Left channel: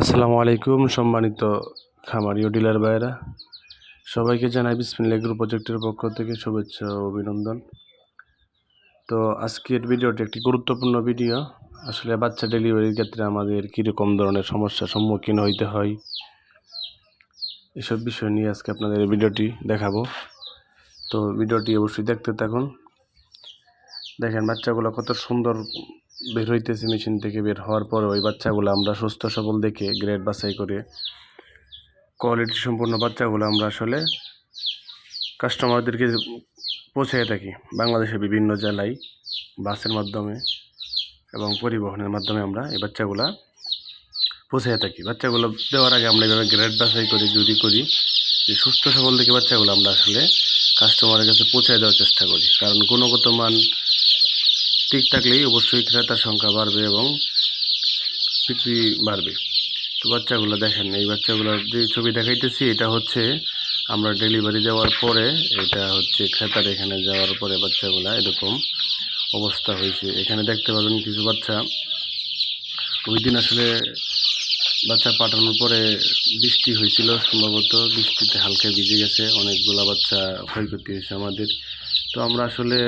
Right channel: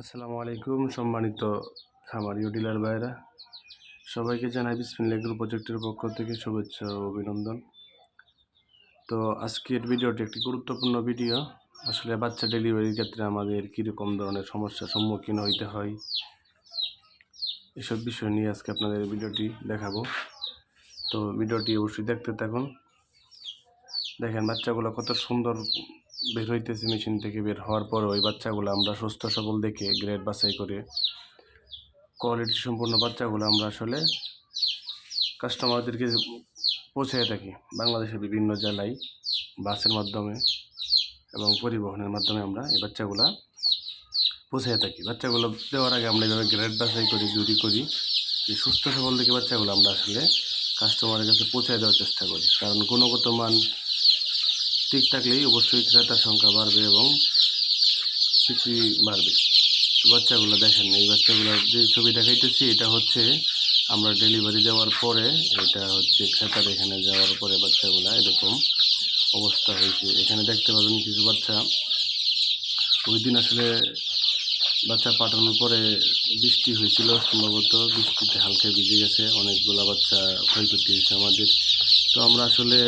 আসসালামু আলাইকুম সম্মানিত খামারি ও ডিলার ভাইয়েরা, সবাইকে জানাই বিসমিল্লাহ এগ্রো প্রজেক্টের পক্ষ থেকে শুভেচ্ছা ও অভিনন্দন। তো আজকের ভিডিওটি একটি গুরুত্বপূর্ণ ভিডিও। আসলে বাচ্চা ডেলিভারির ক্ষেত্রে আমাদের কীরকম ধরনের সমস্যার সম্মুখীন হইতে হয় এসব বিষয় নিয়ে আজকে আপনাদের এই ভিডিওটি দেখাবো। তো ভিডিওটি অবশ্যই দেখতে থাকুন। দেখেন বাচ্চাগুলো কত সুন্দর বের হইতেছে মেশিন থেকে। বের হওয়ার পর ওই বাচ্চাগুলো আমরা সুস্থ সবল দেখে গ্রেড বাছাই করে কোয়ালিটি সম্পূর্ণ বাচ্চাগুলো আমরা আসলে কাস্টমারদেরকে পৌঁছে থাকি। বাংলাদেশের বিভিন্ন জেলায় বাসের মাধ্যমে এবং পরিবহনের মাধ্যমে আমরা এই বাচ্চাগুলো পৌঁছে থাকি। বাচ্চাগুলো দেওয়ার আগে আমরা এভাবে গ্রেড বাছাই করি, যদি করি যে সুস্থ সবল দেখে বাচ্চাগুলো আমরা আসলে কাস্টমারের কাছে পৌঁছে দেওয়ার চেষ্টা করি। কারণ গুণগত মান ঠিক থাকলেই অবশ্যই ক্রেতার সংখ্যা বাড়বে এবং বিক্রি বাড়বে। তো বাচ্চাগুলো দেখেন, এই বাচ্চাগুলো যে ছবি দেখাইতেছি এটা হচ্ছে আমরা ডেলিভারি দেওয়ার পরে, এটা হচ্ছে ক্রেতার এখানে যাওয়ার পরে বাচ্চাগুলো এরকম অবস্থা হয়েছে। এখানে দেখতে পাবেন কিছু বাচ্চা ওই দিন আসলে বাচ্চা পাঠানোর পরে বৃষ্টি হয়েছিল, সম্ভবত বৃষ্টিতে হালকা ভিজে গেছে, অনেকগুলো বাচ্চা ক্ষয়ক্ষতি হয়েছে আমাদের। তো আমরা আসলে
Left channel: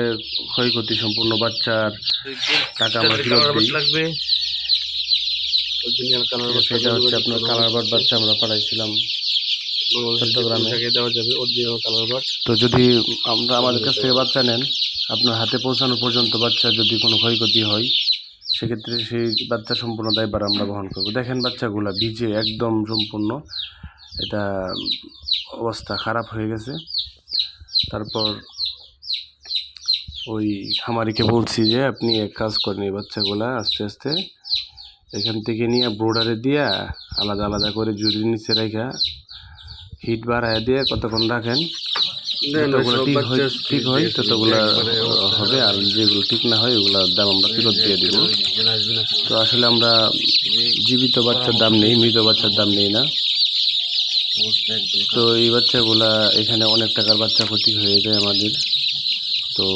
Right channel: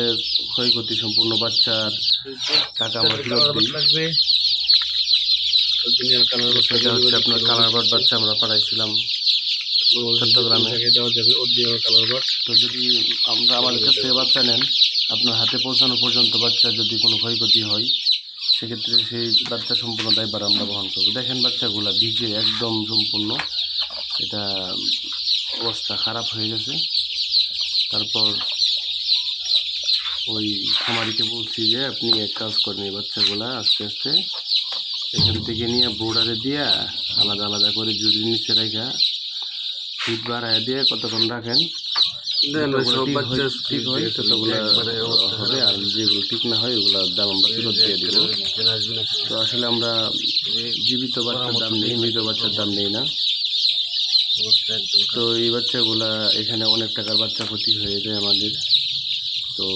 ক্ষয়ক্ষতি সম্পূর্ণ বাচ্চার টাকা আমরা ফেরত দিই। সেটা হচ্ছে আপনার কালার বার্ড বাচ্চা আমরা পাঠাইছিলাম চট্টগ্রামে। তো যদি আমরা আমাদের কাছ থেকে বাচ্চা নেন, আপনার হাতে পৌঁছানো পর্যন্ত বাচ্চা যদি কোনো ক্ষয়ক্ষতি হয় সেক্ষেত্রে সেই বাচ্চা সম্পূর্ণ দায়ভার আমরা বহন করবো। দেখেন বাচ্চাগুলো ভিজে একদম সম্পূর্ণ, এটা অবস্থা খারাপ হয়ে গেছে। তারপর ওই খামারিকে বলছি যে আপনি এক কাজ করেন, এই বাচ্চাগুলা আস্তে আস্তে এখান থেকে নিয়ে বোর্ডারে দিয়া আলাদা আলাদা করে জুড়ির নিচে রেখা হিট বাড়ায় দিয়ে কতক্ষণ রাখেন, ঠিক হয় ততগুলো হবে, আর যেগুলো ঠিক না হয় ওগুলোর দাম আমরা ফেরত দিয়ে দেবো। তো আসলে আমরা জীবিত বাচ্চার দাম নেই, মৃত বাচ্চার দাম নেই না। তো এই বাচ্চাগুলা এখানে অনেক টাকার বাচ্চা ক্ষতি হয়ে যায় আমাদের। তো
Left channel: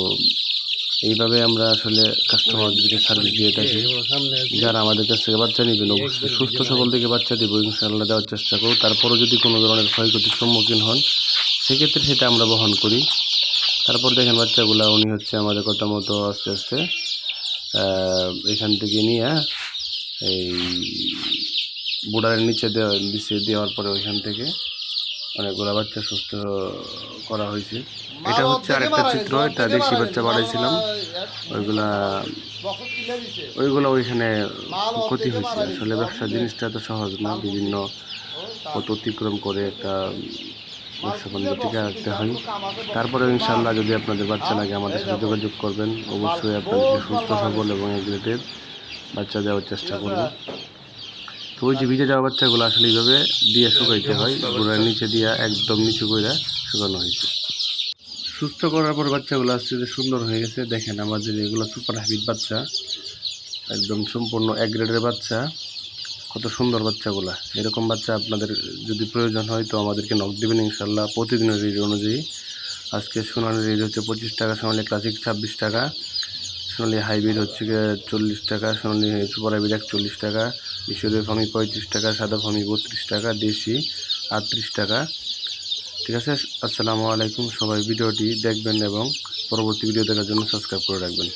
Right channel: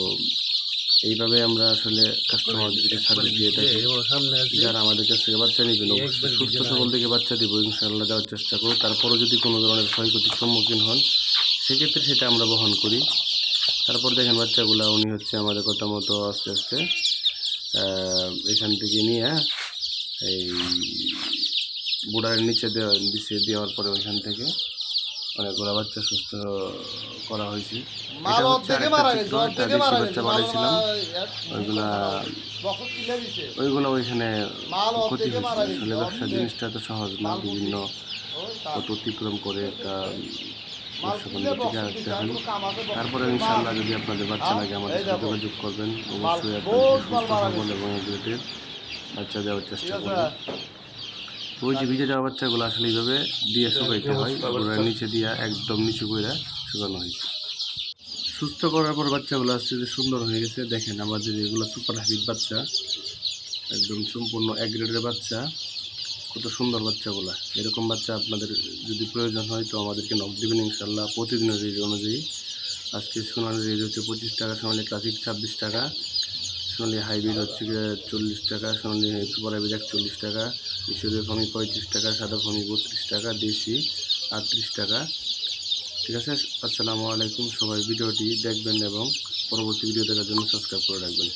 এইভাবে আমরা আসলে কাস্টমারদেরকে সার্ভিস দিয়ে থাকি। যারা আমাদের কাছ থেকে বাচ্চা নেবেন অবশ্যই সুস্থ সবল থেকে বাচ্চা দেবো, ইনশাআল্লাহ দেওয়ার চেষ্টা করব। তারপরও যদি কোনো ধরনের ক্ষয়ক্ষতির সম্মুখীন হন সেক্ষেত্রে সেটা আমরা বহন করি। তারপর দেখেন বাচ্চাগুলো উনি হচ্ছে আমাদের কথা মতো আস্তে আস্তে এখান থেকে নিয়ে এই বোর্ডারের নিচে দেওয়ার পরে ওইখান থেকে অনেকগুলো বাচ্চা সুস্থ করা হয়েছে। এটা হচ্ছে আরেকটা চিত্র, একটা দেশি বাচ্চা বাড়াইছিলাম, ওইগুলো ওইখানে ক্ষতি হয়েছে। আসলে ব্যবসা জিনিসটা তো সহজ না, বিভিন্ন পথ অতিক্রম করে একটা ব্যবসা টিকে রাখতে হয়। তারপরে ইনশাআল্লাহ যদি আপনাদের বাচ্চা লাগে আমাদের সাথে যোগাযোগ করবেন, অবশ্যই আপনাদের সুস্থ সবল এবং এগুলোদের বাচ্চা দেওয়ার চেষ্টা করবেন। তো ওই যে ভিজে যাওয়া বাচ্চাগুলো আসলে এইভাবে দিয়ে শুকাইতে হয়, গোড়ার নিচে দিয়ে একদম নিচু করে শুকানো হয়েছে। সুস্থ করার পর বাচ্চাগুলো আসছে যে সুন্দর হয়ে গেছে। দেখেন আমাদের এগুলো সুপার হাইব্রিড বাচ্চা, একদম সম্পূর্ণ এক গ্রেডের বাচ্চা, কত সুন্দর বাচ্চাগুলা। এরকম বাচ্চা আপনাদের যদি প্রয়োজন হয় তো আমাদেরকে নক দেবেন ইনশাল্লাহ। প্রতিদিনের রেট অনুযায়ী আজকে সোনালি রেট হচ্ছে 25 টাকা, সোনালি ক্লাসিক 26 টাকা, সোনালি হাইব্রিড হচ্ছে 40 টাকা, সোনালি সুপার হাইব্রিড 41 টাকা, মিশরীয় ফার্মি 35 টাকা, সাদা ফার্মি 32 টাকা, দেশি 38 টাকা। ঠিক আছে, আসসালামু আলাইকুম। সবাই ভিডিওটি দেখবেন এবং পরবর্তী ভিডিও দেখার জন্য সাবস্ক্রাইব করে রাখবেন।